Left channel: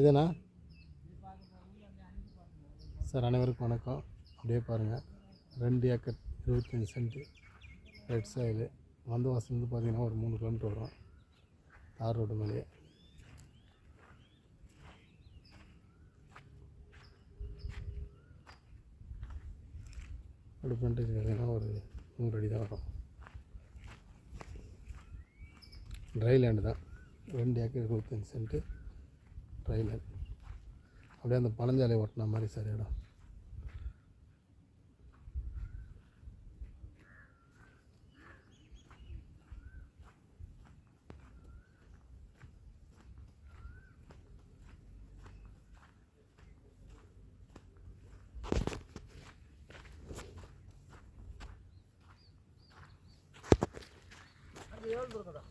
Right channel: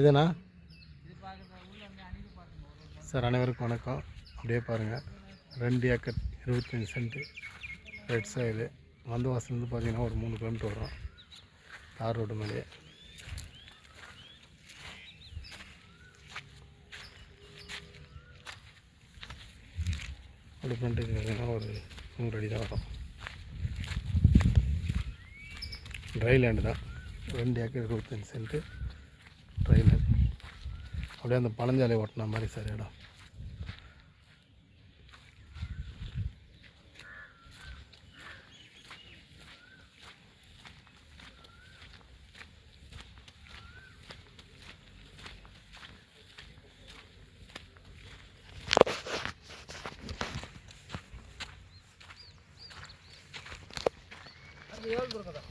இதுண்ணா sir, அனைவருக்கும் வணக்கம். அப்படியே பாருங்கள், 2 ஏக்கர் 25 சென்ட்டு ரெட் சாயில். வந்தவாசிலேருந்து பார்த்தீங்கன்னா ஒரு 3 கிலோமீட்டர் வரும், தார் ரோடு மேலேயே. அப்படி பண்ணிட்டு பார்த்தீங்கன்னா ஒரு 100 அடி தான் வரும். ட்ரை லேண்டு தான், 2 ஏக்கர் 25 சென்ட்டு ட்ரை லேண்ட். அப்படியே அந்த பழஞ்சாலை ஓட்டின மாதிரி சார் இடம். அது எவ்வளோ இருக்குதா?